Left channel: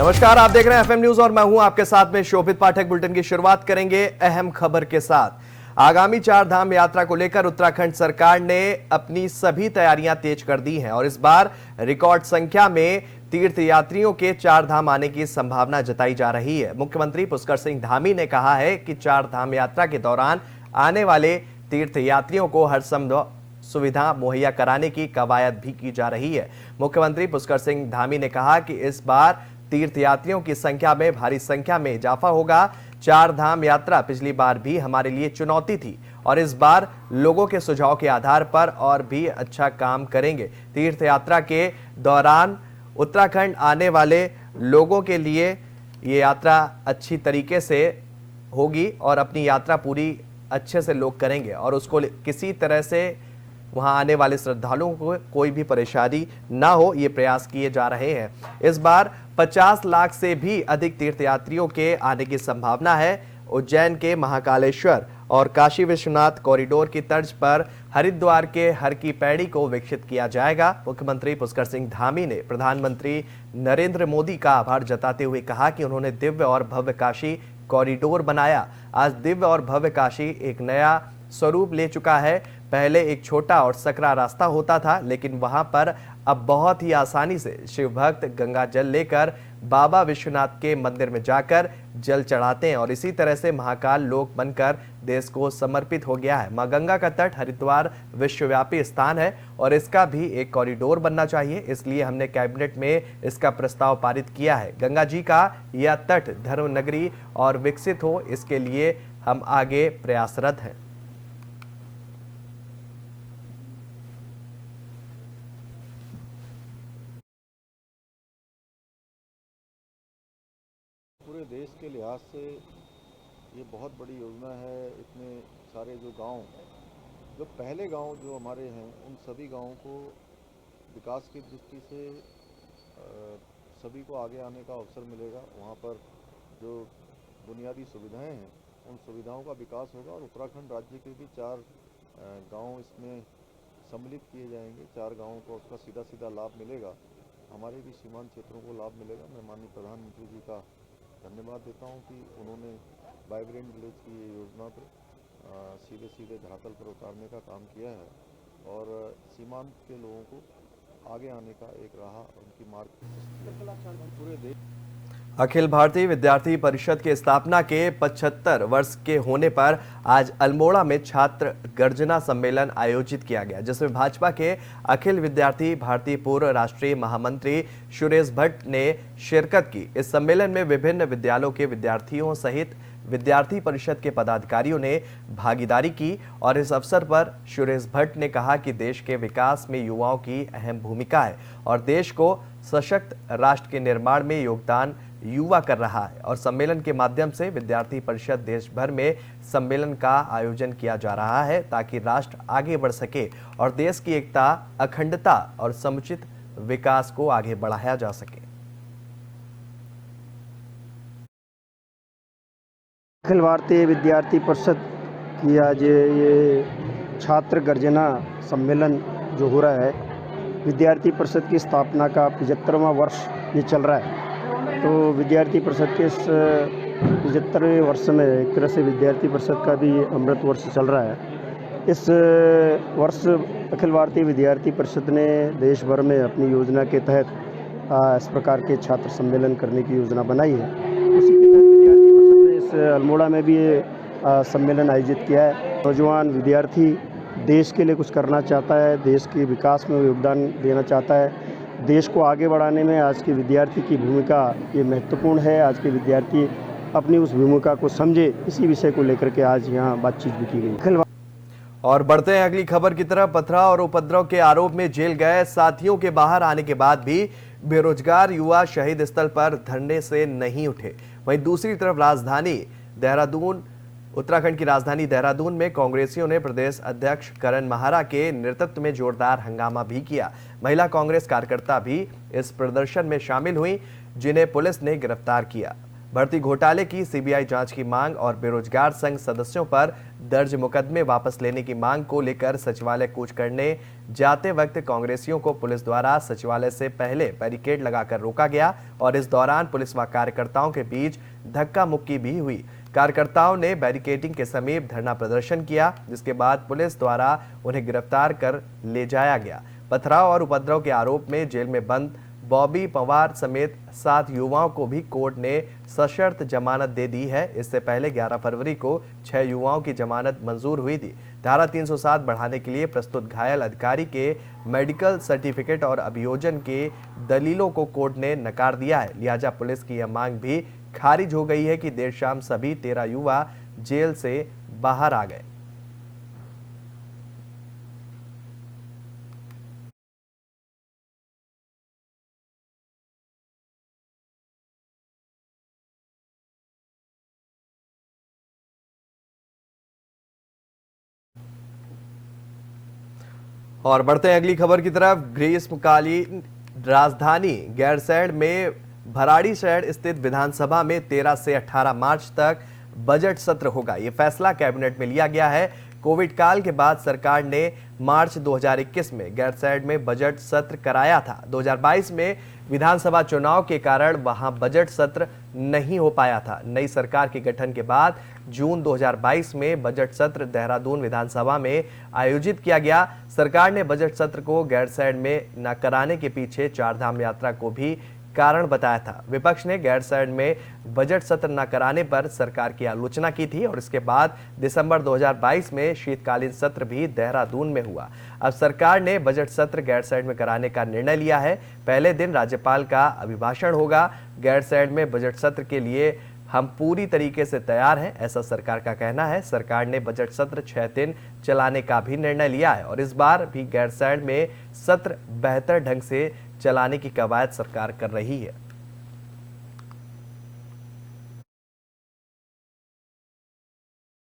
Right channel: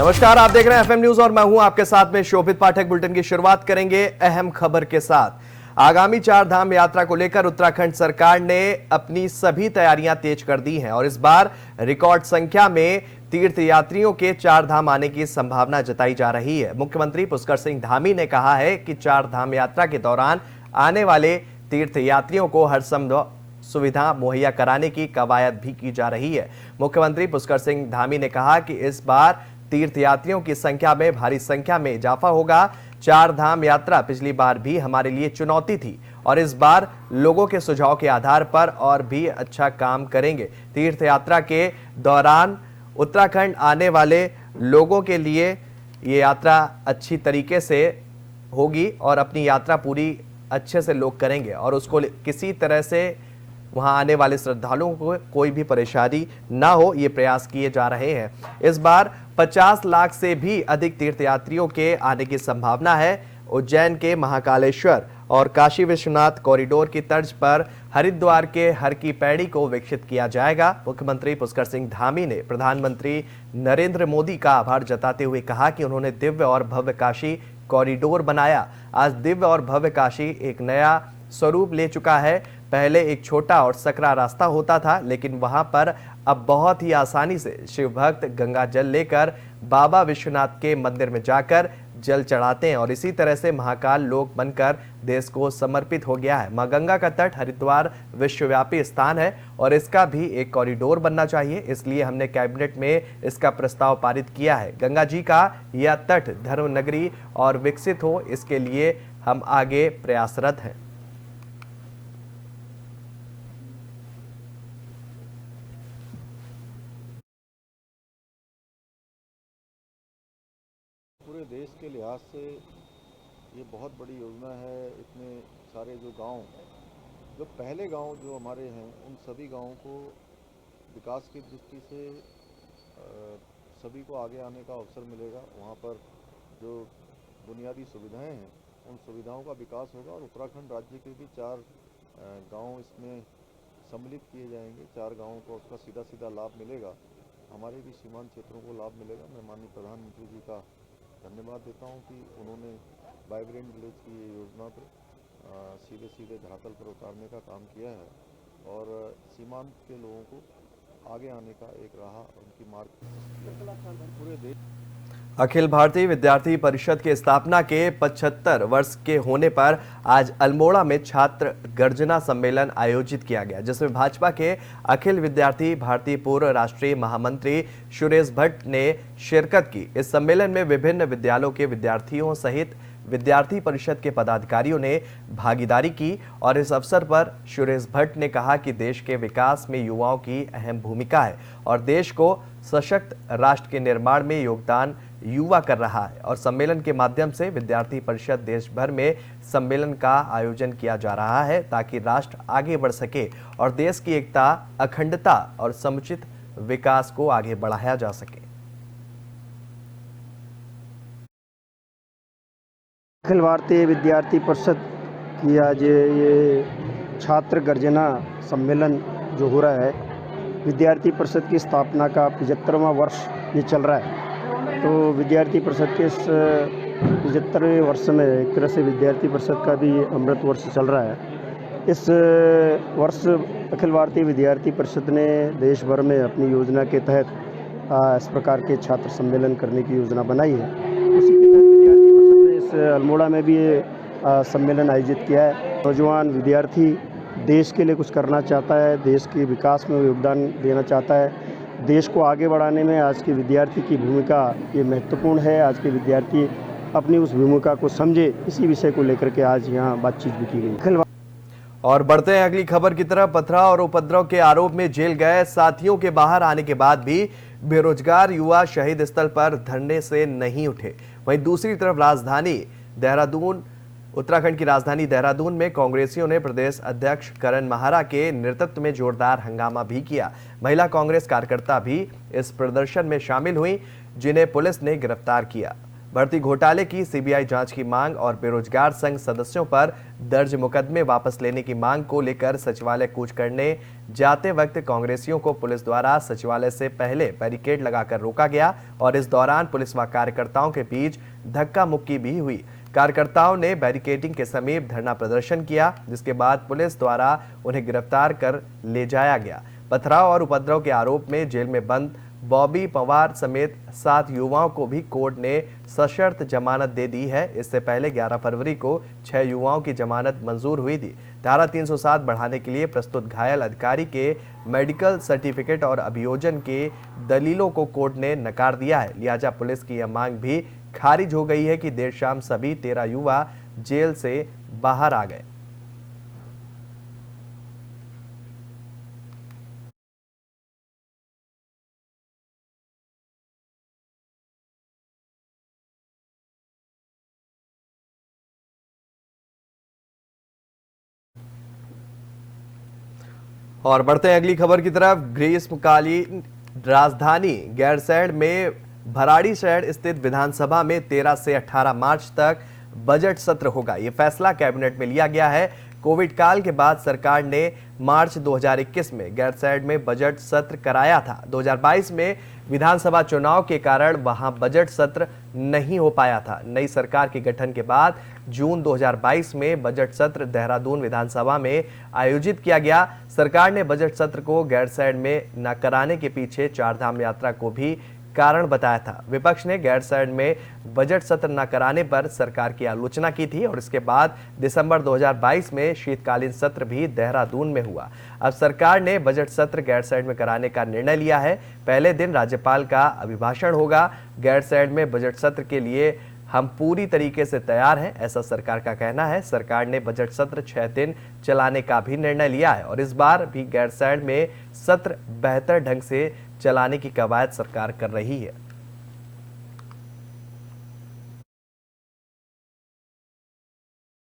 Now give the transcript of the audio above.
नमस्कार, आप देख रहे हैं एफएम न्यूज और मैं हूं आपके साथ में शोभित पाठक। बुलेटिन की शुरुआत करेंगे अहम खबर के साथ। आगामी 4 धाम यात्रा को लेकर उत्तराखंड सरकार ने अपनी सभी तैयारियां तेज कर दी हैं और इस बार रिकॉर्ड संख्या में तीर्थयात्रियों के 4 धाम आने की संभावना जताई जा रही है। मुख्यमंत्री पुष्कर सिंह धामी ने कहा है कि 4 धाम यात्रा के दौरान आने वाले तीर्थयात्रियों को हर संभव सुविधा मुहैया कराने की कवायद भी की जा रही है। मुख्यमंत्री पुष्कर सिंह धामी ने कहा कि इस बार तीर्थयात्रियों की संख्या में भारी संख्या में इजाफा होगा। 4 धाम यात्रा पिछली बार भी हमारे लिए चुनौती थी और इस बार लोगों के सुझाव के आधार पर और भी अच्छा काम करेंगे। तीर्थ यात्रा के दौरान उत्तराखंड आने वाले लोगों के लिए ये यात्रा अच्छी तरीके से होगी और अपनी यात्रा पूरी अच्छे से लोग करेंगे और उसको किसी तरह से वहां आने वाले श्रद्धालुओं को कोई भी परेशानी ना हो, ये प्रयास किए जा रहे हैं। इस बार 50 लाख से भी अधिक तीर्थयात्रियों के आने की संभावना है। उज्जैन के महाकालेश्वर और काशी विश्वनाथ कॉरिडोर की तर्ज पर हरिद्वार के हर की पैड़ी को विकसित किया जाएगा। मुख्यमंत्री पुष्कर सिंह धामी ने प्रधानमंत्री नरेंद्र मोदी का आभार जताते हुए कहा कि उन्होंने दिव्य और भव्य काशी कॉरिडोर बनाया। आज दिव्य और भव्य काशी एक नया स्वरूप ले चुका है। पहले एक छोटा और सकरा रास्ता होता था, लेकिन वहां पर अब बहुत ही आसानी से शिव भक्त गंगा जल लेकर बाबा विश्वनाथ के मंदिर में जाकर जल चढ़ाते हैं और इसी तरह से महाकाल लोक बनकर देश को समर्पित हो गया है। मां गंगा का तट हरिद्वार विश्वव्यापी स्थान है और इसका भी एक कॉरिडोर बनना चाहिए, इसलिए हमने कैबिनेट में इसका प्रस्ताव पारित किया है। गंगा जी का यह तट धर्म नगरी और विकसित हो, इसके लिए हम आगे प्रयासरत हैं। पूरे देश के लिहाज से ये बहुत बड़ी योजना है। इतने सारे जो पहले गांव जो हमारे हैं, उन सभी गांवों को विकास की दृष्टि से सभी को आगे आने का अवसर मिलेगा। वहां पर जो बुनियादी सुविधाएं हैं, उन सुविधाओं का विकास होगा और उत्तराखंड राज्य के भी 4 गांव इसमें सम्मिलित किए जाएंगे। 4 गाँवों को उसका सीधा सीधा लाभ मिलेगा। हमारे भी सीमांत क्षेत्रों को लाभ मिलेगा। मैं माननीय प्रधानमंत्री जी का धन्यवाद देता हूं कि उन्होंने वाइब्रेंट विलेज की ये योजना पर सीधे धरातल पर उतारने का काम किया है और सीमांत के लोगों को आगे आने का एक राह उनकी मार्ग पूरे देश। अखिल भारतीय विद्यार्थी परिषद की स्थापना के 75 वर्ष के होने पर आज अल्मोड़ा में छात्र गर्जना सम्मेलन आयोजित किया गया, जिसमें भाजपा के अखिल विद्यार्थी भारती पूर्व राष्ट्रीय महामंत्री सुरेश भट्ट ने शिरकत की। इस सम्मेलन में विभिन्न विद्यालयों के विद्यार्थियों सहित विद्यार्थी परिषद के पदाधिकारियों ने भागीदारी की और इस अवसर पर सुरेश भट्ट ने कहा कि देश के विकास में युवाओं की अहम भूमिका है और देश को सशक्त राष्ट्र के निर्माण में योगदान युवा कर रहा है और सम्मेलन के माध्यम से विद्यार्थी परिषद देश भर में सम्मेलन का आयोजन किया जा रहा है ताकि राष्ट्र आगे बढ़ सके और देश की एकता, अखंडता और समुचित विकास को आगे बढ़ाया जा सके। अखिल भारतीय विद्यार्थी परिषद की आज ये छात्र गर्जना सम्मेलन जो हो रहा है, विद्यार्थी परिषद की स्थापना का 75वां वर्ष ये चल रहा है। तो विद्यार्थी परिषद के इस 75वें वर्ष में एक तरह से विद्यार्थी परिषद का भी अमृत वर्ष चल रहा है। इस वर्ष अखिल भारतीय विद्यार्थी परिषद ने देश भर में अपनी योजना के तहत इस प्रकार के छात्र सम्मेलन करने की योजना बनाई है। उसी के तहत विद्यार्थी परिषद ने इस अल्मोड़ा में भी ये सम्मेलन आयोजित किया है। नौजवान विद्यार्थी देश के लिए कुछ करना चाहता है, देश के विकास में योगदान देना चाहता है, देश को आगे बढ़ाने में आज के विद्यार्थी की भूमिका ये महत्वपूर्ण है। आज के विद्यार्थी अपनी उस भूमिका को समझे, इसी विषय को लेकर के आज यहाँ बातचीत भी की गई। और बढ़ते हैं अगली खबर की तरफ। पथराव और उपद्रव के आरोप में जेल गए साथियों के बाहर आने के बाद भी बेरोजगार युवा शहीद स्थल पर धरने से नहीं उठे। वहीं दूसरी तरफ उत्तराखंड की राजधानी देहरादून में कांग्रेसियों ने प्रदेश अध्यक्ष करण माहरा के नेतृत्व में जोरदार हंगामा भी किया। महिला कांग्रेस कार्यकर्ता भी इस प्रदर्शन में शामिल हुई, जिन्हें पुलिस ने गिरफ्तार किया। भर्ती घोटाले की सीबीआई जांच की मांग और बेरोजगार संघ सदस्यों पर दर्ज मुकदमे वापस लेने की मांग को लेकर सचिवालय कूच करने जाते वक्त कांग्रेसियों को पुलिस द्वारा सचिवालय से पहले बैरिकेड लगाकर रोका गया और इस दौरान पुलिस व कार्यकर्ताओं के बीच धक्का मुक्की भी हुई। कार्यकर्ताओं ने बैरिकेडिंग के समीप धरना प्रदर्शन किया, जिसके बाद पुलिस द्वारा उन्हें गिरफ्तार कर ले जाया गया। पथराव और उपद्रव के आरोप में जेल में बंद बॉबी पवार समेत 7 युवाओं को भी कोर्ट ने सशर्त जमानत दे दी है। इससे पहले 11 फरवरी को 6 युवाओं की जमानत मंजूर हुई थी। धारा 307 बढ़ाने के लिए प्रस्तुत घायल अधिकारी के मेडिकल सर्टिफिकेट और अभियोजन के दलीलों को कोर्ट ने नकार दिया है। लिहाजा पुलिस की यह मांग भी खारिज हो गई है कि देर शाम सभी 13 युवा जेल से बाहर आ गए। और बढ़ते हैं अगली खबर की तरफ। ग्रीष्मकालीन राजधानी गैरसैंण में भराड़ीसैंण स्थित विधानसभा में 13 से 18 मार्च तक बजट सत्र होगा। ये फैसला कैबिनेट में लिया गया है। कोविड काल के बाद सरकार ने मार्च 2021 में गैरसैंण में बजट सत्र कराया था। 2022 में विधानसभा चुनाव के कारण वहां बजट सत्र नहीं हो पाया था। नई सरकार के गठन के बाद जून 2022 में बजट सत्र देहरादून विधानसभा में आयोजित किया गया। सरकार ने बजट सत्र को गैरसैंण में न कराने के पीछे चारधाम यात्रा को भी कारण बताया था। विपक्ष ने गैरसैंण में बजट सत्र न कराने पर सरकार की आलोचना की थी और इसके बाद दिसंबर 2022 में शीतकालीन सत्र भी देहरादून में हुआ। अब सरकार ने बजट सत्र गैरसैंण में कराने का निर्णय लिया है। पहले दिन राज्यपाल का अभिभाषण होगा। गैरसैंण में बजट सत्र के लिए हम पूरी तरीके से तैयार हैं, ऐसा सरकार का कहना है। सरकार ने बजट सत्र 6 दिन चलाने का भी निर्णय लिया है और इस बार भी गैरसैंण में सत्र बेहतर ढंग से चलाने की कवायद सरकार कर रही है।